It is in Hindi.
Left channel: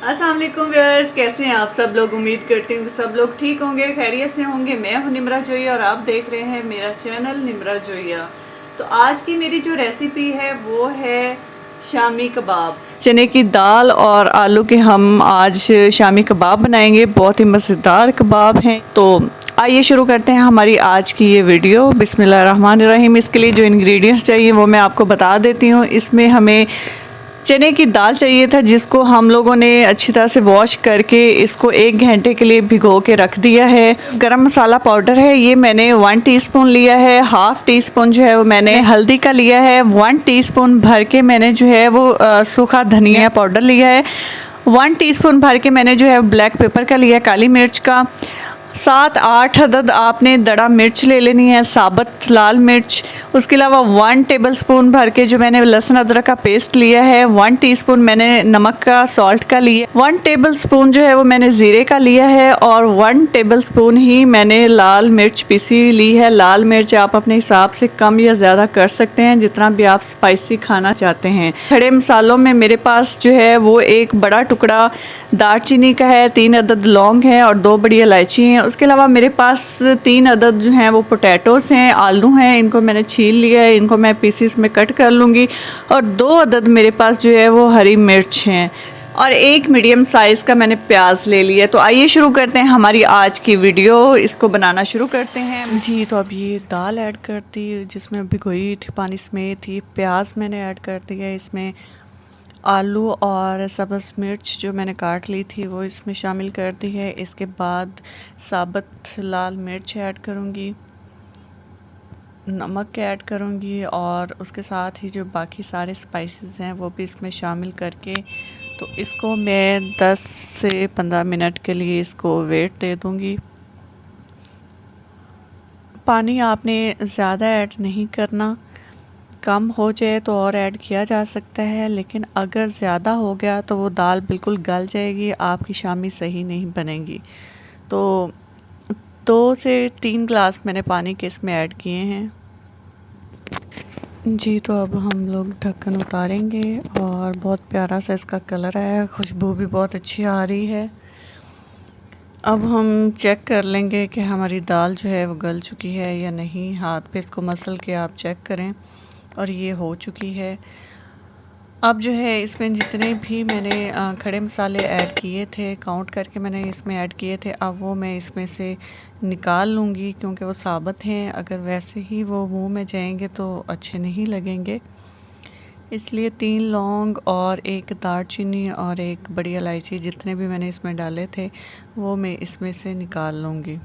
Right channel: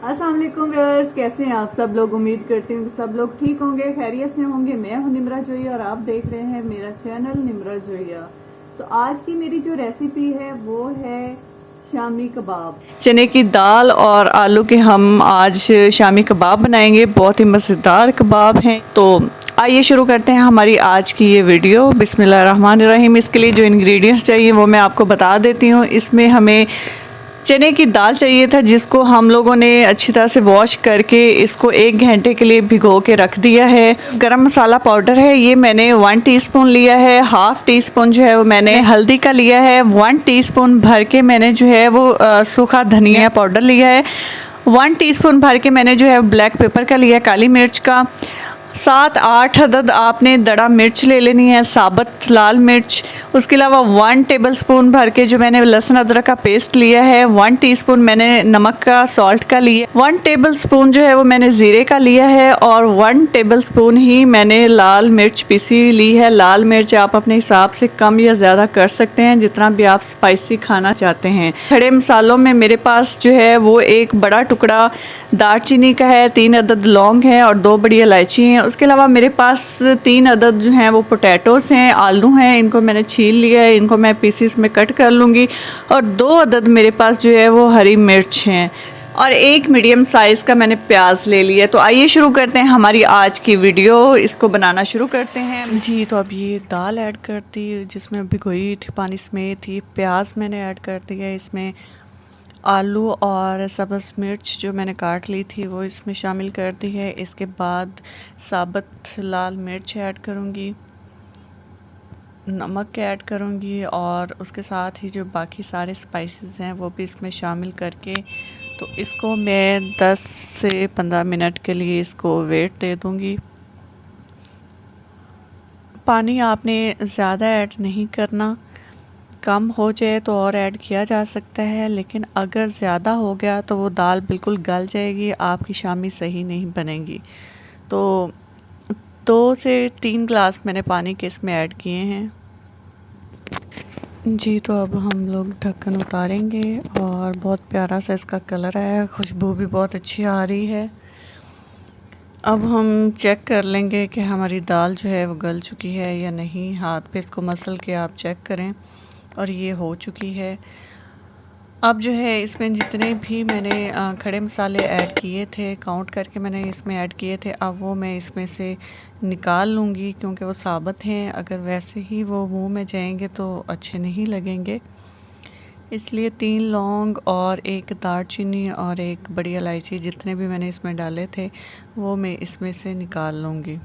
अस्सलाम वालेकुम व्यूअर्स, कैसे हैं आप सब लोग। उम्मीद करती हूँ कि सब लोग ठीक होंगे, खैरियत से होंगे। मैं हूँ निम्रा जोइया और आप देख रहे हैं मेरा चैनल निम्रा जोइया। तो आज की मेरी जो रेसिपी है वो है शामी कबाब। चने की दाल और आलू के हम आज शामी कबाब बनाएंगे। बहुत ही मज़ेदार कबाब हैं। तो आइए शुरू करते हैं हमारी आज की ये वीडियो। बिस्मिल्लाहिर्रहमानिर्रहीम। इसके लिए जो इंग्रेडिएंट्स चाहिए वो मैं आपको बता देती हूँ। इसमें हमें चने की दाल चाहिए था, जिसको हम लोगों ने अच्छी तरह से वॉश करके इसको 1 घंटे के लिए भिगो के रख दिया है। गरम मसाला पाउडर है, ये मैंने 1 टीस्पून लिया है। हाफ टी स्पून जो है वो मैंने हल्दी का लिया है। 1 टीस्पून भर के मैंने जो है वो सूखा धनिया पाउडर लिया है। 1 टीस्पून भर के मैंने जो है ब्लैक पेपर का लिया है, काली मिर्च का। 7-8 अदद आपने दड़ा मिर्च ले लेनी है, साबुत लाल मिर्च। उसके अलावा 1 टेबलस्पून भर के जो मैंने लहसुन अदरक का पेस्ट लिया है। 1 टीस्पून मैंने नमक का सॉल्ट का लिया। 1 टेबलस्पून जो है वो मैंने ज़ीरे का लिया है और 1 टेबलस्पून ही मैंने लाल मिर्च पीसी ली है। लाल मिर्च आप अपने हिसाब से कम या ज़्यादा कर सकते हैं, जितना भी आप स्पाइसी खाना चाहते हैं। खड़े मसालों में मेरे पास जो है वो एक बड़ा टुकड़ा दालचीनी का है, 3 अदद लौंग है और 2 बड़ी इलायची हैं। उसके अलावा मेरे पास 3 अदद जो हैं वो पोटैटोस हैं, आलू हैं। इनको मैंने छील लिया है, इनको मैं पीसीस में कट कर लूँगी। और 2 अदद मेरे पास जो है वो हरी मिर्च हैं और 1 मीडियम साइज़ का मैंने प्याज ले लिया। तो आइए शुरू करते हैं हमारी आज की वीडियो। इसको बनाना शुरू करते हैं जी। तो अब ये दाल ऐड कर दी, जिसमें भिगोई थी पानी समेत ही। प्याज मैंने ऐड कर दिया है इसमें। आलू और सब्ज़ मिर्च जो मैंने काट ली थी वो इसमें शामिल कर दी है। इसके बाद साबुत लाल मिर्च ऐड करूँगी, नमक ऐड करूँगी और उसके साथ ही जो बाकी सारे स्पाइसेस हैं वो भी इसमें शामिल करके तो इसको मैं 10 से 15 मिनट के लिए इसको वेट दे दूँगी। पानी आपने ज़्यादा ऐड नहीं करना, कम हो जाए तो और ऐड किया जा सकता है, लेकिन अगर ज़्यादा हो गया तो वो दाल बिल्कुल गल जाएगी, आपकी शामी सही नहीं बनेगी। तो 2 से 3 गिलास मैंने पानी के इसमें ऐड किए हैं जी। तो अब हम लोग ढक्कन उतारेंगे और बहुत प्यारा सा इसका कलर है, खुशबू भी बहुत अच्छी आ रही है। अब हम चेक कर लेंगे कि हमारी दाल जो है वो गल चुकी है या नहीं। हाथ पे इसको मसल के आप चेक करें और ये हो चुकी है। अब जो है इसमें जितने भी मैंने खड़े मसाले ऐड किए थे, काउंट करके मैंने इसमें ऐड किए थे, अब वो मैं इसमें से निकाल लूँगी, क्योंकि वो साबुत हैं। अगर वैसे ही वो मुंह में जाएंगे तो अच्छे नहीं लगेंगे, इसलिए 3 लौंग और 1 दालचीनी और 1 बड़ी इलायची, जितने भी मैंने इसमें डाले थे वो मैं इसमें से निकाल लूँगी।